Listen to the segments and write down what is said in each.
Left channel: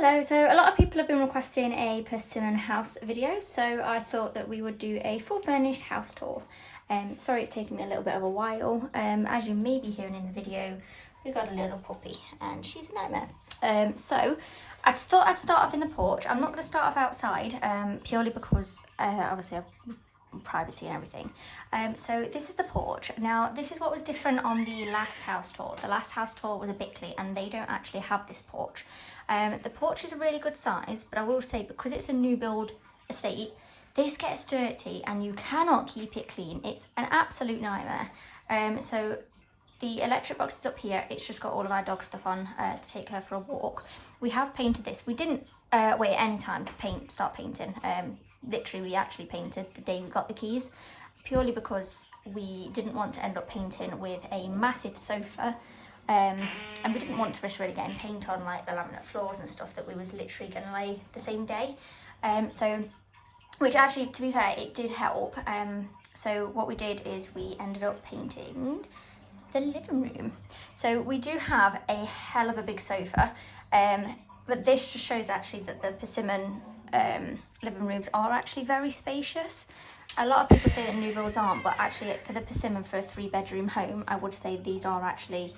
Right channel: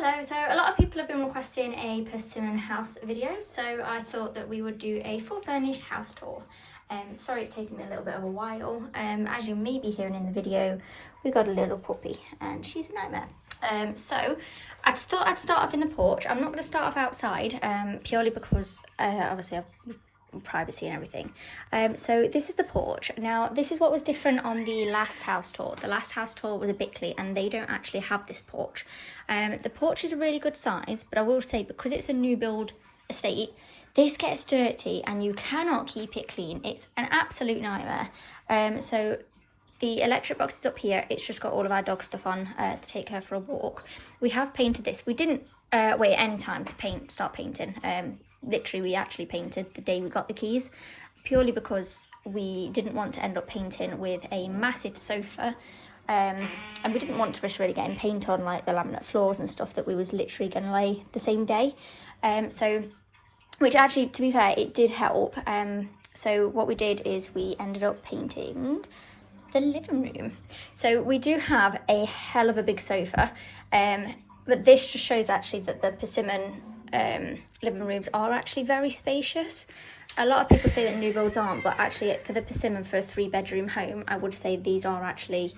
Hello, so a lot of people have been requesting a Persimmon house video, so I thought that we would do a full furnished house tour. Sorry it's taken me a little bit of a while. As you may be hearing in the video, we got a little puppy and she's a nightmare. So I thought I'd start off in the porch. I'm not going to start off outside purely because obviously I've privacy and everything. So this is the porch. Now this is what was different on the last house tour. The last house tour was a Bickley and they don't actually have this porch. The porch is a really good size, but I will say because it's a new build estate, this gets dirty and you cannot keep it clean. It's an absolute nightmare. So the electric box is up here. It's just got all of our dog stuff on to take her for a walk. We have painted this. We didn't wait any time to start painting. Literally we actually painted the day we got the keys, purely because we didn't want to end up painting with a massive sofa, and we didn't want to risk really getting paint on like the laminate floors and stuff that we was literally going to lay the same day. So which actually, to be fair, it did help. So what we did is we ended up painting the living room. So we do have a hell of a big sofa, but this just shows actually that the Persimmon living rooms are actually very spacious. A lot of people say that new builds aren't, but actually for the Persimmon, for a 3-bedroom home, I would say these are actually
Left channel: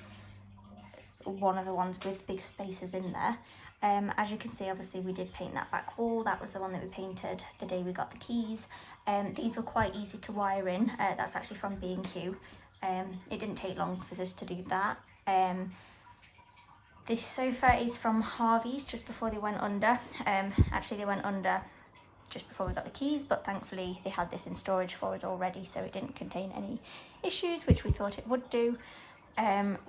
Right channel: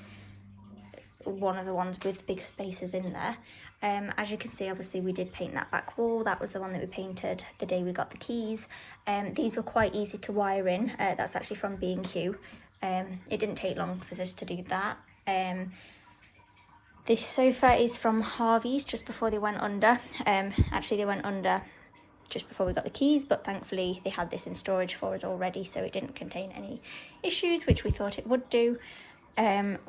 one of the ones with big spaces in there. As you can see, obviously we did paint that back wall. That was the one that we painted the day we got the keys. These were quite easy to wire in. That's actually from B&Q. It didn't take long for us to do that. This sofa is from Harvey's just before they went under. Actually they went under just before we got the keys, but thankfully they had this in storage for us already, so it didn't contain any issues, which we thought it would do.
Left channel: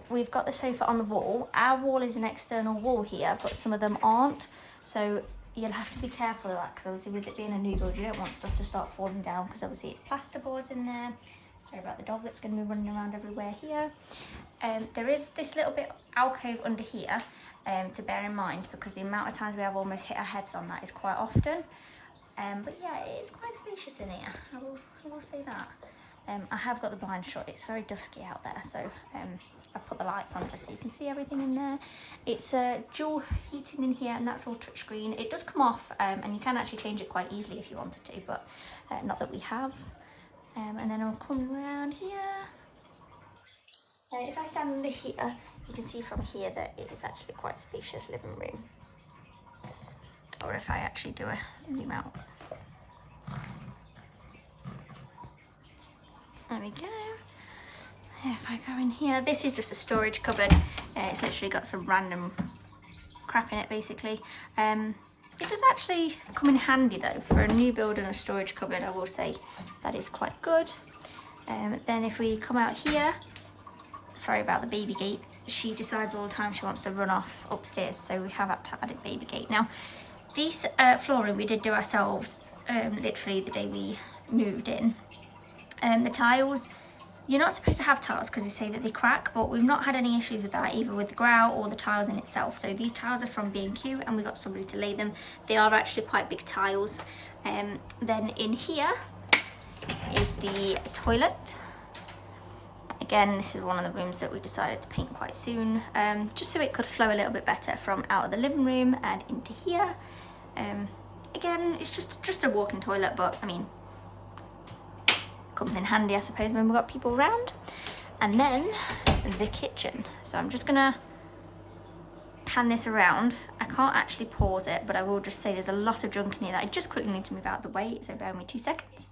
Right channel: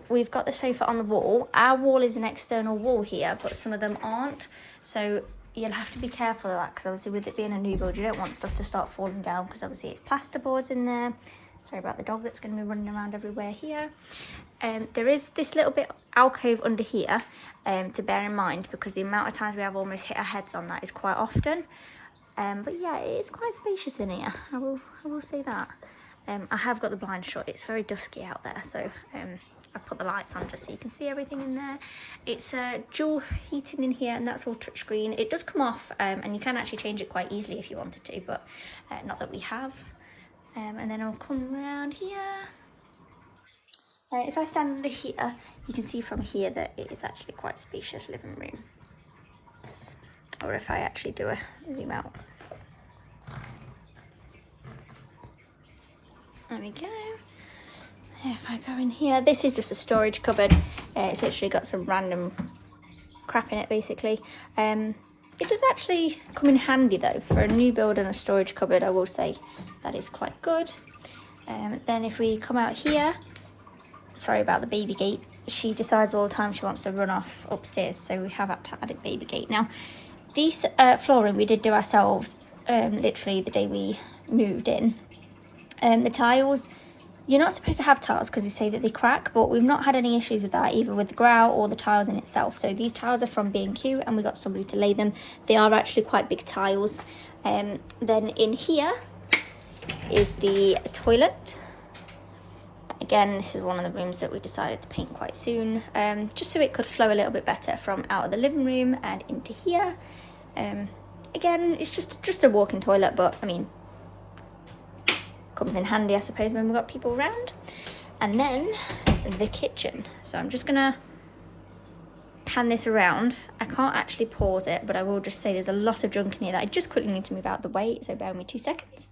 We've got the sofa on the wall. Our wall is an external wall here, but some of them aren't, so you'll have to be careful of that, because obviously with it being a new build you don't want stuff to start falling down, because obviously it's plasterboards in there. Sorry about the dog that's going to be running around everywhere here. There is this little bit alcove under here to bear in mind, because the amount of times we have almost hit our heads on that is quite often. But yeah, it is quite spacious in here, I will say that. I have got the blind shut. It's very dusky out there, so I put the lights on just so you can see everything in there. It's dual heating in here, and that's all touchscreen. It does come off, and you can actually change it quite easily if you wanted to, but not that we have. And then I'll come around here. If I stand under here, you can see from here that it is actually quite a spacious living room. Or if I actually do a zoom out. There we go. If I go in here, this is just a storage cupboard. It's literally got some random crap in it, basically. It does actually come in handy though for a new build and a storage cupboard. I will say that is quite good. Then if we come out here, sorry about the baby gate. She decides all the time she wants to run off upstairs, so we have had to add a baby gate. Now, these flooring we did do ourselves literally the day we moved in. The tiles, you're not supposed to have tiles because they say that they crack, but we've not had any issues with that, either with the grout or the tiles in itself. So these tiles are from B&Q and we got somebody to lay them. They are actually quite big tiles. Then in here is the toilet. Again, this is one of the rooms that we decided to paint quite soon, just so it could flow a little bit better from out of the living room and into here. Again, it's just a walk-in toilet, but I mean, comes in handy, I suppose, when we've got people around. And then the kitchen. So I'm just gonna pan this around. I can't actually pause it, but I will just say there's a lot of junk in here that I just quickly need to move out of the way, so bear with me 2 seconds.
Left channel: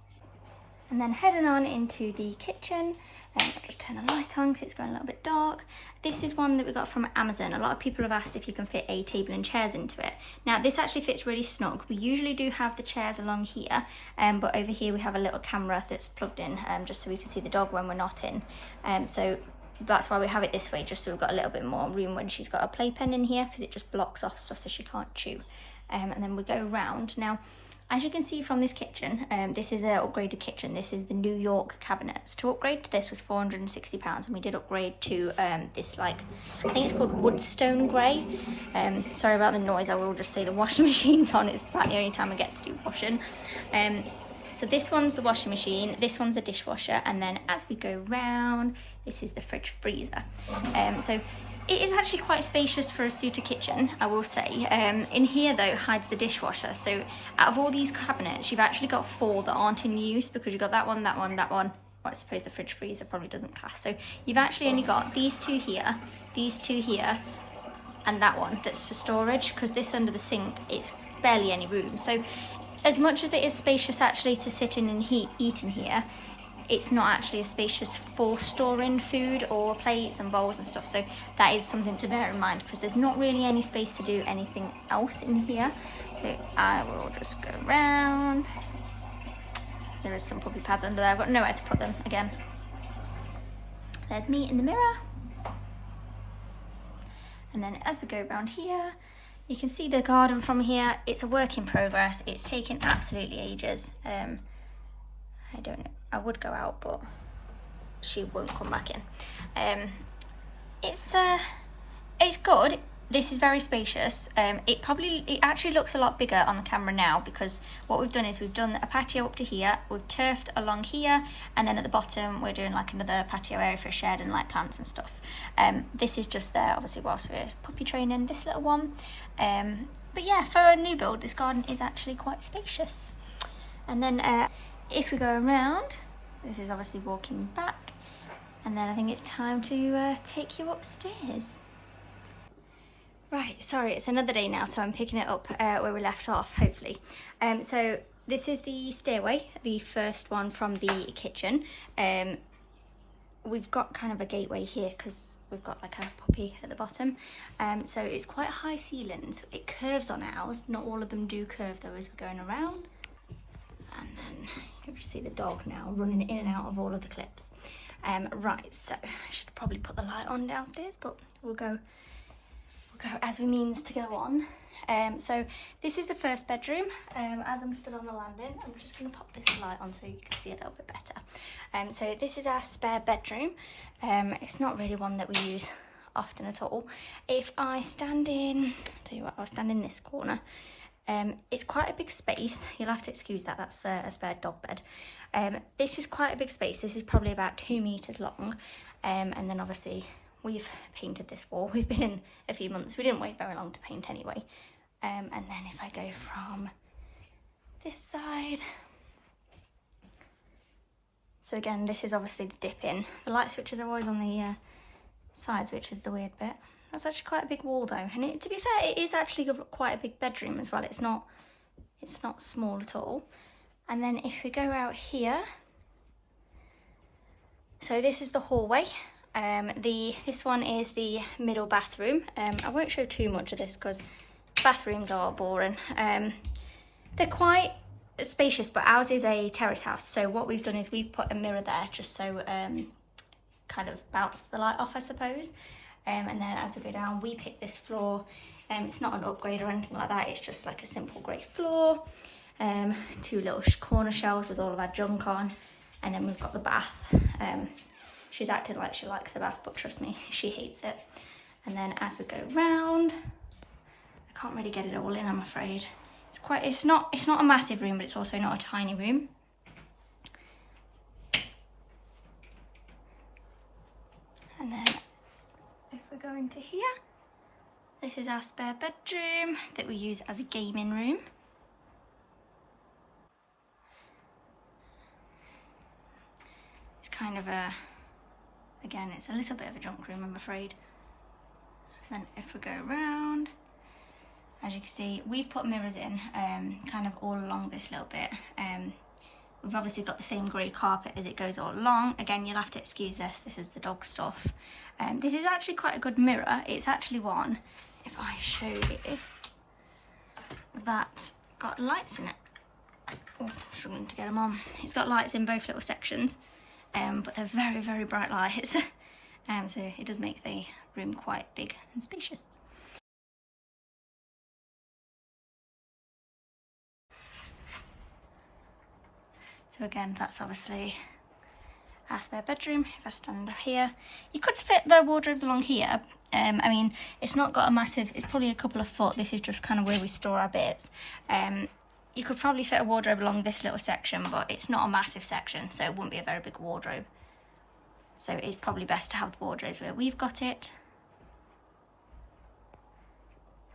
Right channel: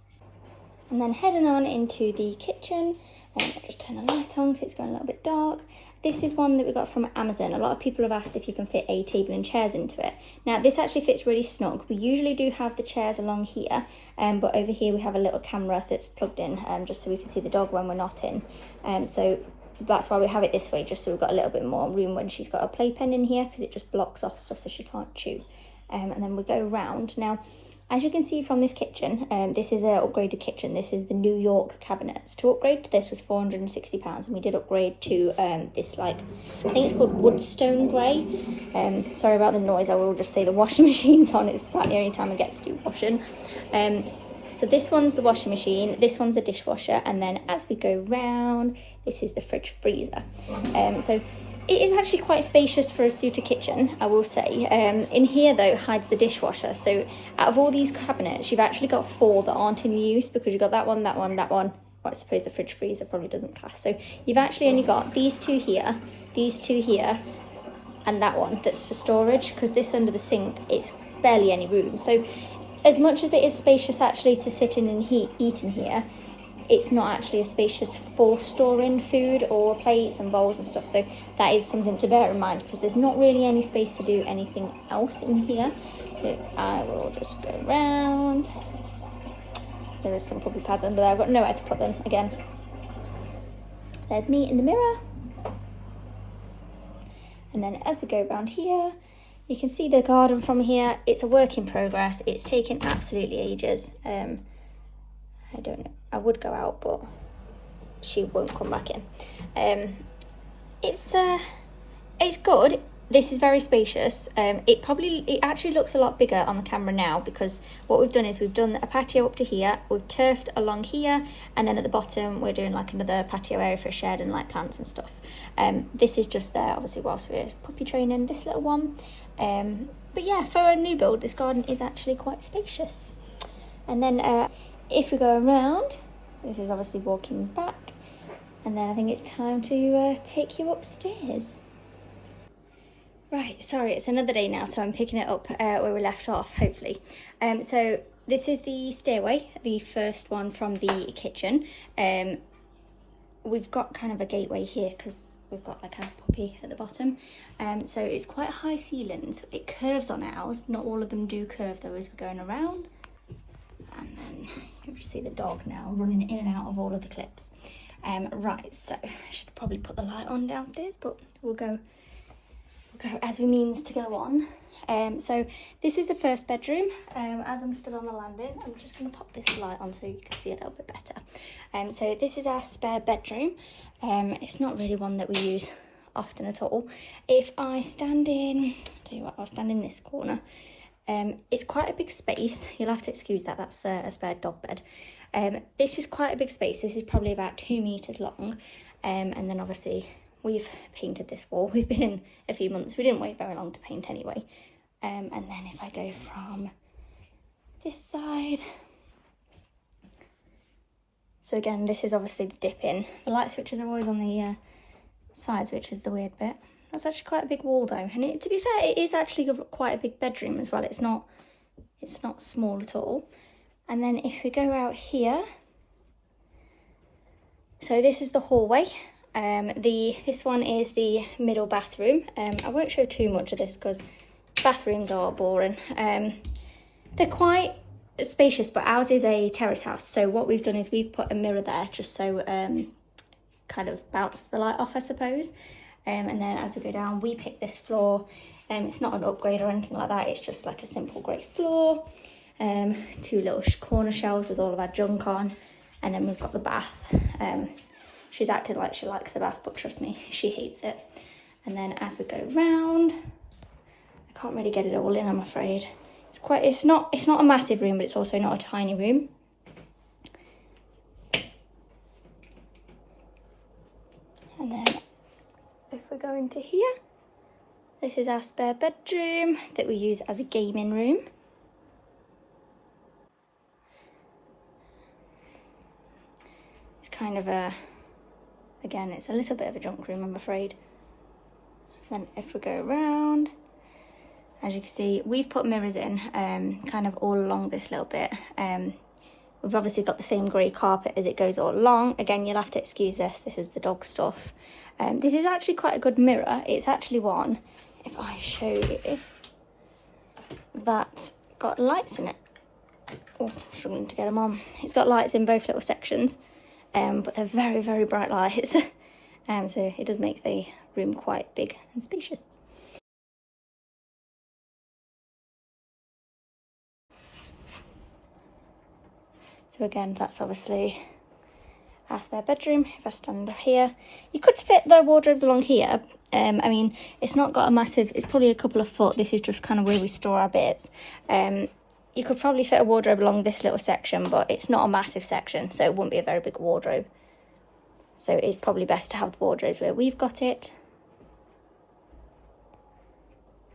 And then heading on into the kitchen. I'll just turn the light on because it's going a little bit dark. This is one that we got from Amazon. A lot of people have asked if you can fit a table and chairs into it. Now this actually fits really snug. We usually do have the chairs along here, but over here we have a little camera that's plugged in just so we can see the dog when we're not in. So that's why we have it this way, just so we've got a little bit more room when she's got a playpen in here, because it just blocks off stuff so she can't chew. And then we go round. Now, as you can see from this kitchen, this is an upgraded kitchen. This is the New York cabinets. To upgrade to this was £460, and we did upgrade to this, like, I think it's called Woodstone Grey. Sorry about the noise, I will just say the washing machine's on. It's about the only time I get to do washing. So this one's the washing machine, this one's the dishwasher, and then as we go round, this is the fridge freezer. So it is actually quite spacious for a Souter kitchen, I will say. In here though hides the dishwasher, so out of all these cabinets you've actually got 4 that aren't in use, because you've got that one, that one, that one. Well, I suppose the fridge freezer probably doesn't class, so you've actually only got these 2 here, these 2 here, and that one that's for storage, because this under the sink, it's barely any room. So as much as it is spacious actually to sit in and eat in here, it's not actually as spacious for storing food or plates and bowls and stuff. So that is something to bear in mind, because there's not really any space to do anything else in here. So I will just go round. There is some puppy pads under there. I've got nowhere to put them again. There's me in the mirror. And then as we go around here, you can see the garden from here. It's a work in progress. It's taken absolutely ages. I don't know, I would go out, but she won't come back in. It's good. This is very spacious. It actually looks a lot bigger on the camera now, because what we've done is we've done a patio up to here, we've turfed along here, and then at the bottom we're doing like another patio area for a shed and like plants and stuff. This is just there obviously whilst we're puppy training this little one. But yeah, for a new build, this garden is actually quite spacious. And then if we go around, this is obviously walking back, and then I think it's time to take you upstairs. Right, sorry, it's another day now, so I'm picking it up where we left off, hopefully. So this is the stairway, the first one from the kitchen. We've got kind of a gateway here because we've got like a puppy at the bottom. So it's quite high ceilings. It curves on ours. Not all of them do curve though as we're going around. And then you can see the dog now running in and out of all of the clips. Right, so I should probably put the light on downstairs, but we'll go as we means to go on. So this is the first bedroom. As I'm still on the landing, I'm just going to pop this light on so you can see a little bit better. So this is our spare bedroom. It's not really one that we use often at all. If I stand in, tell you what, I'll stand in this corner. It's quite a big space. You'll have to excuse that, that's a spare dog bed. This is quite a big space. This is probably about 2 meters long. And then obviously we've painted this wall. We've been in a few months. We didn't wait very long to paint anyway. And then if I go from this side. So again, this is obviously the dip in. The light switches are always on the sides, which is the weird bit. That's actually quite a big wall though, and to be fair, it is actually quite a big bedroom as well. It's not small at all. And then if we go out here, so this is the hallway. This one is the middle bathroom. I won't show too much of this because bathrooms are boring. They're quite spacious, but ours is a terrace house. So what we've done is we've put a mirror there just so kind of bounces the light off, I suppose. And then as we go down, we pick this floor. It's not an upgrade or anything like that. It's just like a simple grey floor. 2 little corner shelves with all of our junk on. And then we've got the bath. She's acted like she likes the bath, but trust me, she hates it. And then as we go round, I can't really get it all in, I'm afraid. It's not a massive room, but it's also not a tiny room. And then if we go into here, this is our spare bedroom that we use as a gaming room. It's kind of again, it's a little bit of a junk room, I'm afraid. Then if we go around, as you can see, we've put mirrors in kind of all along this little bit. We've obviously got the same grey carpet as it goes all along. Again, you'll have to excuse this. This is the dog stuff. This is actually quite a good mirror. It's actually one, if I show you, that's got lights in it. Oh, struggling to get them on. It's got lights in both little sections, but they're very, very bright lights. So it does make the room quite big and spacious. So again, that's obviously our spare bedroom. If I stand up here, you could fit the wardrobes along here. I mean, it's not got a massive, it's probably a couple of foot. This is just kind of where we store our bits. You could probably fit a wardrobe along this little section, but it's not a massive section, so it wouldn't be a very big wardrobe. So it's probably best to have the wardrobes where we've got it.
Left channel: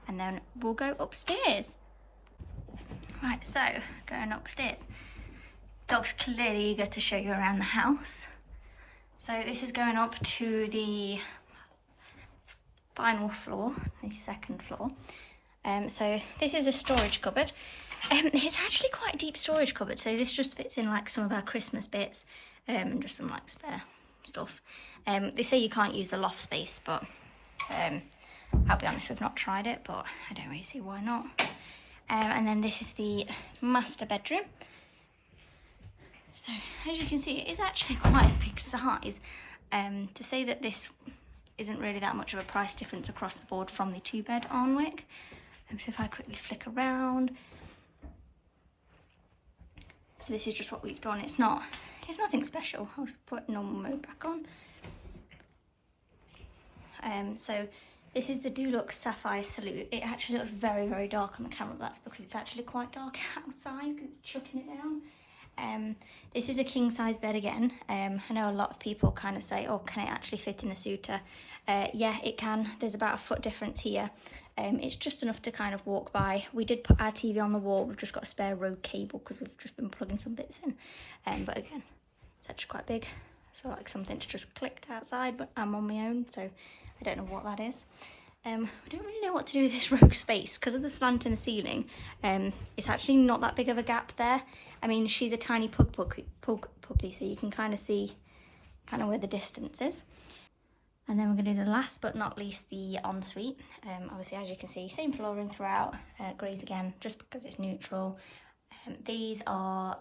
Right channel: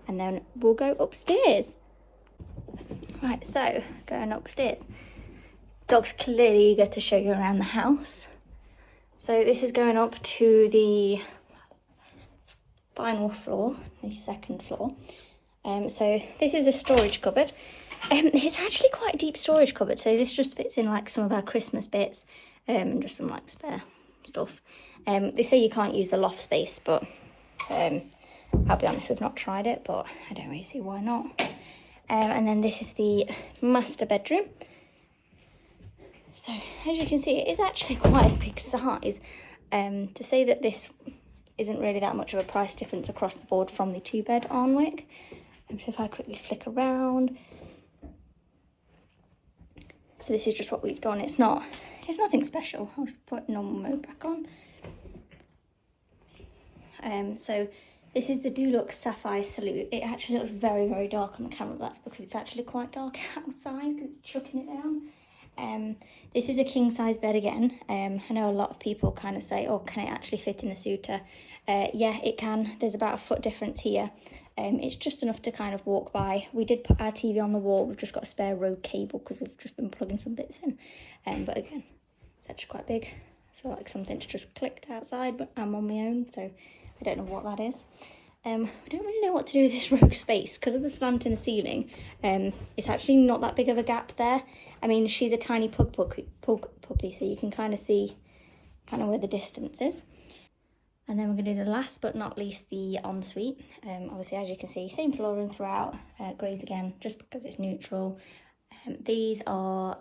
and then we'll go upstairs. Right, so going upstairs. Dog's clearly eager to show you around the house. So this is going up to the final floor, the second floor. So this is a storage cupboard. It's actually quite a deep storage cupboard, so this just fits in like some of our Christmas bits and just some like spare stuff. They say you can't use the loft space, but I'll be honest, we've not tried it, but I don't really see why not. And then this is the master bedroom. So as you can see, it is actually quite a big size. To say that this isn't really that much of a price difference across the board from the 2-bed Arnwick. So if I quickly flick around. So this is just what we've done. It's nothing special. I'll just put normal mode back on. So this is the Dulux Sapphire Salute. It actually looks very, very dark on the camera, but that's because it's actually quite dark outside because it's chucking it down. This is a king size bed again. I know a lot of people kind of say, oh, can it actually fit in the Souter? Yeah, it can. There's about a foot difference here. It's just enough to kind of walk by. We did put our TV on the wall. We've just got a spare road cable because we've just been plugging some bits in. But again, it's actually quite big. I feel like something's just clicked outside, but I'm on my own, so I don't know what that is. I don't really know what to do with this rogue space because of the slant in the ceiling. It's actually not that big of a gap there. I mean, she's a tiny pug puppy, so you can kind of see kind of where the distance is. And then we're going to do the last but not least, the ensuite. Obviously, as you can see, same flooring throughout, greys again, just because it's neutral. These are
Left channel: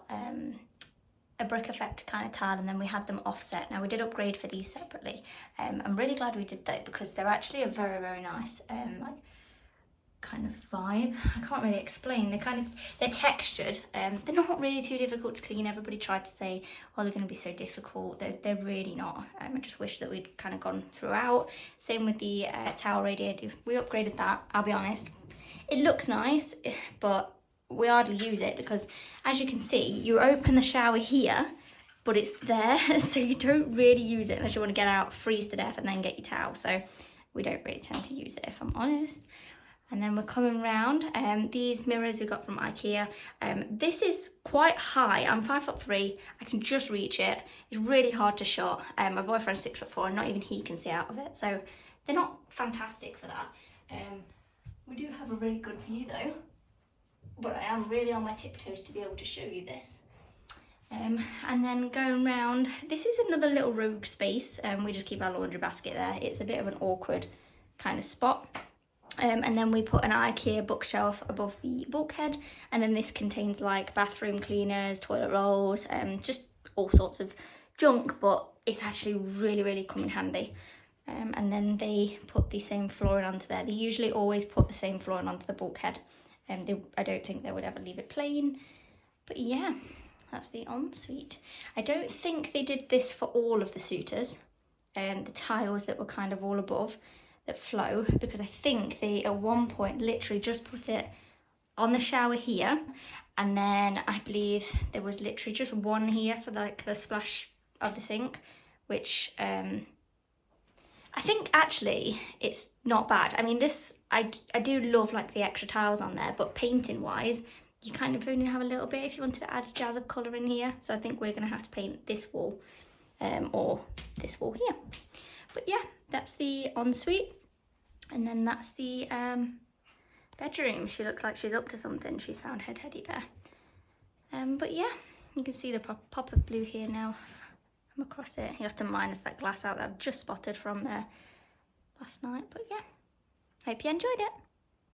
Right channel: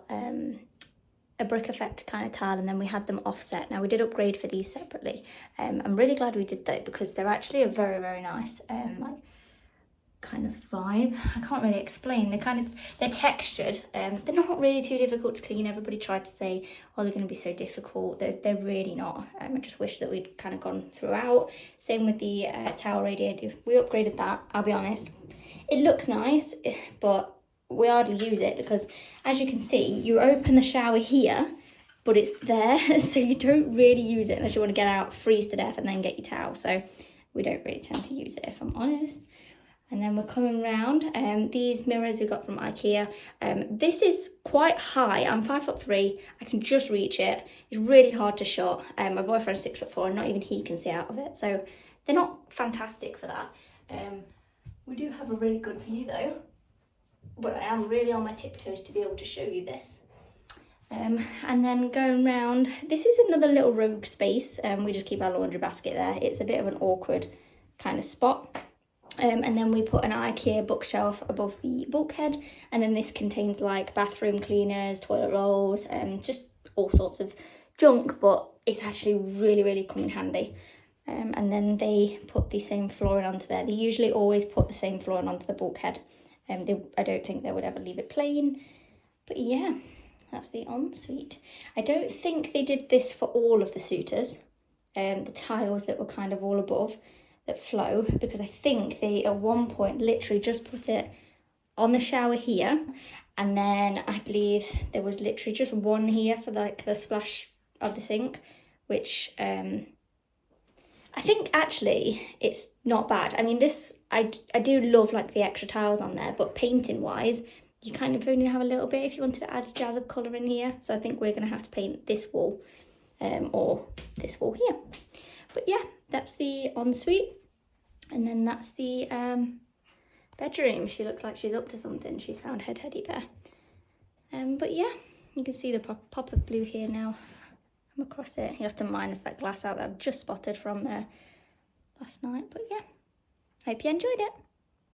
a brick effect kind of tile, and then we had them offset. Now we did upgrade for these separately. I'm really glad we did that because they're actually a very, very nice like kind of vibe. I can't really explain. They're textured. They're not really too difficult to clean. Everybody tried to say, oh, they're going to be so difficult. They're really not. I just wish that we'd kind of gone throughout. Same with the towel radiator. We upgraded that, I'll be honest. It looks nice, but we hardly use it because, as you can see, you open the shower here, but it's there, so you don't really use it unless you want to get out, freeze to death, and then get your towel. So we don't really tend to use it, if I'm honest. And then we're coming round. These mirrors we got from IKEA. This is quite high. I'm 5'3". I can just reach it. It's really hard to shut. My boyfriend's 6'4", and not even he can see out of it. So they're not fantastic for that. We do have a really good view though. But I am really on my tiptoes to be able to show you this. And then going round, this is another little rogue space. We just keep our laundry basket there. It's a bit of an awkward kind of spot. And then we put an IKEA bookshelf above the bulkhead, and then this contains like bathroom cleaners, toilet rolls, just all sorts of junk, but it's actually really, really come in handy. And then they put the same flooring onto there. They usually always put the same flooring onto the bulkhead. I don't think they would ever leave it plain, but yeah, that's the ensuite. I don't think they did this for all of the Souters, the tiles that were kind of all above that flow, because I think they at one point literally just put it on the shower here, and then I believe there was literally just one here for like the splash of the sink, which I think actually it's not bad. I mean, this I do love like the extra tiles on there, but painting wise you kind of only have a little bit if you wanted to add a jazz of colour in here. So I think we're going to have to paint this wall or this wall here. But yeah, that's the ensuite, and then that's the bedroom. She looks like she's up to something. She's found her teddy bear. But yeah, you can see the pop of blue here now. I'm across it. You have to minus that glass out that I've just spotted from last night. But yeah, hope you enjoyed it.